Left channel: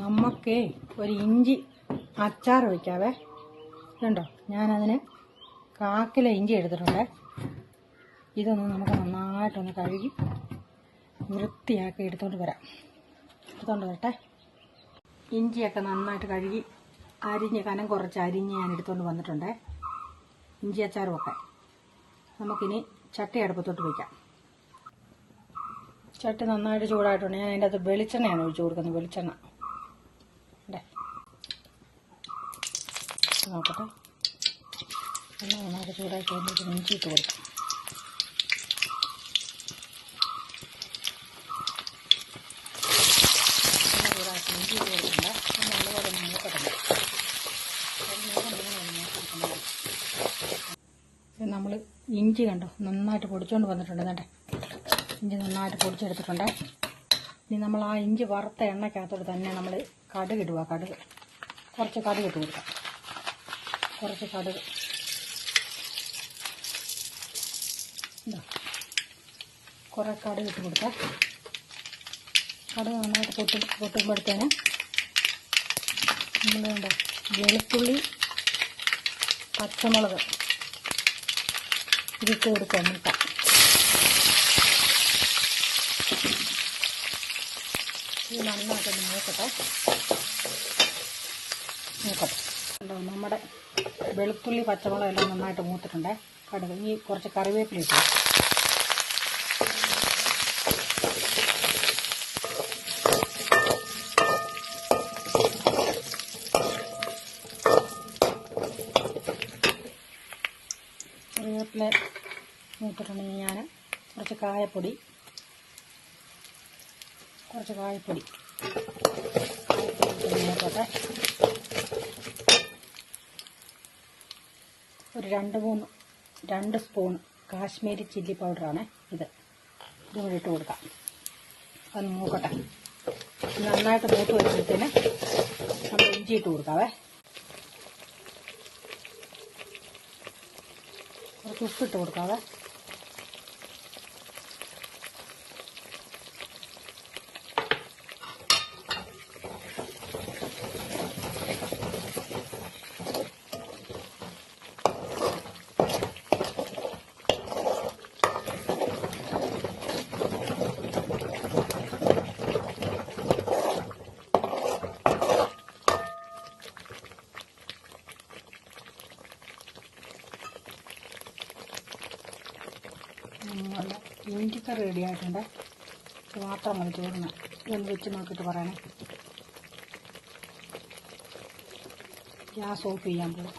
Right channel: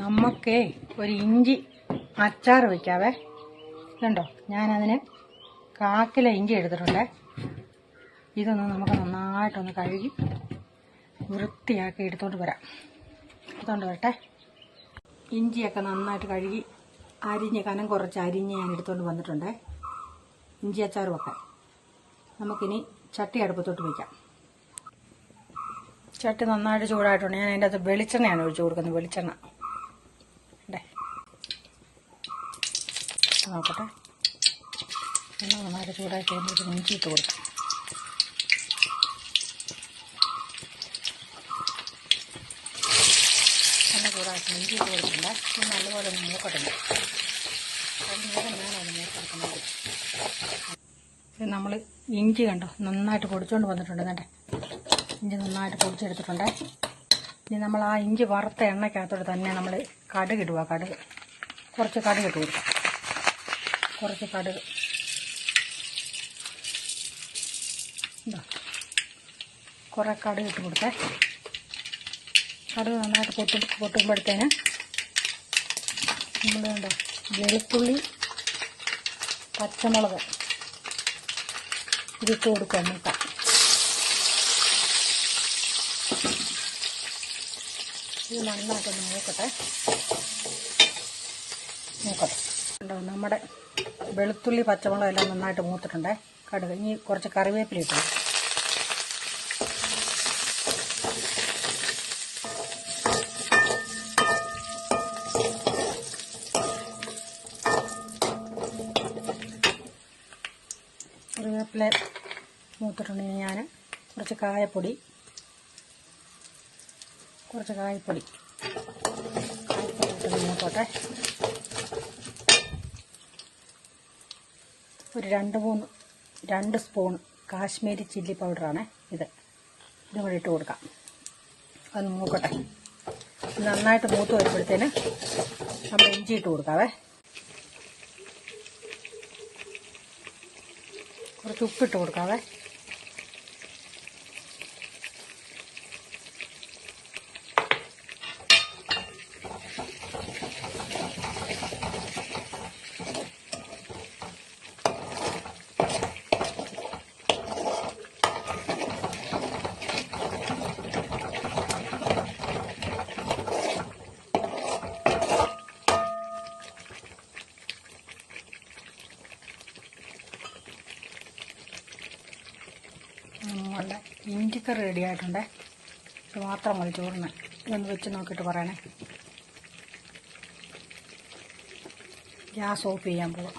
നമുക്കേ ഒരു ഇഞ്ചി അച്ചാർ വയ്ക്കാവേ. കണ്ടോ, ഞാനതിന് 1/4 കിലോ ഇഞ്ചി എടുത്തിട്ടുണ്ട്. ഇതൊന്ന് നമുക്ക് നന്നായിട്ടൊന്ന് കഴുകി വൃത്തിയാക്കി എടുത്തോണ്ട് വരാം. എടുത്തോണ്ട് വരട്ടെ. ഇഞ്ചിയൊക്കെ നന്നായിട്ട് കഴുകി അരിഞ്ഞ് കനം കുറച്ച് അരിഞ്ഞ് ഞാൻ എടുത്തുകൊണ്ട് വന്നിട്ടുണ്ട്. ഇഞ്ചി അച്ചാർ വെക്കാൻ നമുക്കിനി ചട്ടി അടുപ്പത്തോട്ട് വയ്ക്കാം. ചട്ടി നന്നായിട്ട് ചൂടായിട്ടുണ്ട്. ഞാൻ അതിൻ്റെ അകത്ത് വെളിച്ചെണ്ണയാണ് ഒഴിച്ചു കൊടുക്കുന്നത്. വെളിച്ചെണ്ണ നോക്കട്ടെ. എണ്ണ നന്നായിട്ട് ചൂടായി കഴിയുമ്പോൾ ഇഞ്ചി ഇട്ട് കൊടുക്കാം. എണ്ണ ചൂടാക്കി ഇഞ്ചി ഇട്ട് കൊടുക്കണ്ട. നല്ലപോലെ ഒന്ന് മൂക്കട്ടെ. നമ്മൾ ഇഞ്ചി കണ്ടോ നന്നായിട്ട് പൊടിച്ചുകൊണ്ട് വന്നിട്ടുണ്ട്. എന്നിട്ട് ഇഞ്ചി നന്നായിട്ട് പൊടിച്ചെടുത്തിട്ടുണ്ട്. ഇനി നമ്മൾ ആ ഇഞ്ചി വറുത്ത എണ്ണയ്ക്കകത്തോട്ട് തന്നെ നമ്മൾ കടുക് ഇടുക. കുറച്ച് കടുക് ഇട്ട് കൊടുക്കാം. കുറച്ച് കടുക് കുറേ കടുക് ഇട്ട് കൊടുക്കാം. കടുക് നന്നായിട്ട് പൊട്ടുമ്പോഴത്തേന് നമ്മൾ കണ്ടോ വെളുത്തുള്ളി പച്ചമുളക് ഇതിട്ട് കൊടുക്കുക. മൂക്കാം ഇത് നന്നായിട്ടൊന്ന് മൂക്കട്ടെ. ഉണ്ടോ നമ്മുടെ വെളുത്തുള്ളി പച്ചമുളക് എല്ലാം നന്നായിട്ട് മൂത്തിട്ടുണ്ട്. കടുക് ഇനി കുറച്ച് കറിവേപ്പില ഇട്ടു. കറിവേപ്പില മൂത്തിട്ടുണ്ടെങ്കിൽ ഞാൻ കുറച്ച് കായപ്പൊടി നോക്കട്ടെ. ഒരു 2 സ്പൂൺ കാശ്മീരി ചില്ലി പൗഡറാണ് ഇതും കൂടി ഇട്ട് കൊടുക്കാം. അത് മൂക്കട്ടെ. നന്നായിട്ട് മൂത്ത് വരുമ്പോഴത്തേന് നമ്മൾ ഇഞ്ചി ഇട്ട് കൊടുക്കാവേ. കുറച്ച് ഉപ്പിട്ട് കൊടുക്കാവേ. നമ്മളുടെ ഇഞ്ചിക്കറി റെഡി ആയിട്ടുണ്ട്. ഇത് മാത്രം മതി ചോറിന്. ഇതൊന്ന് വെച്ച് നോക്കിയിട്ട് പറയണേ. ഗ്യാസ് ഓഫ് ചെയ്യാൻ പോകും.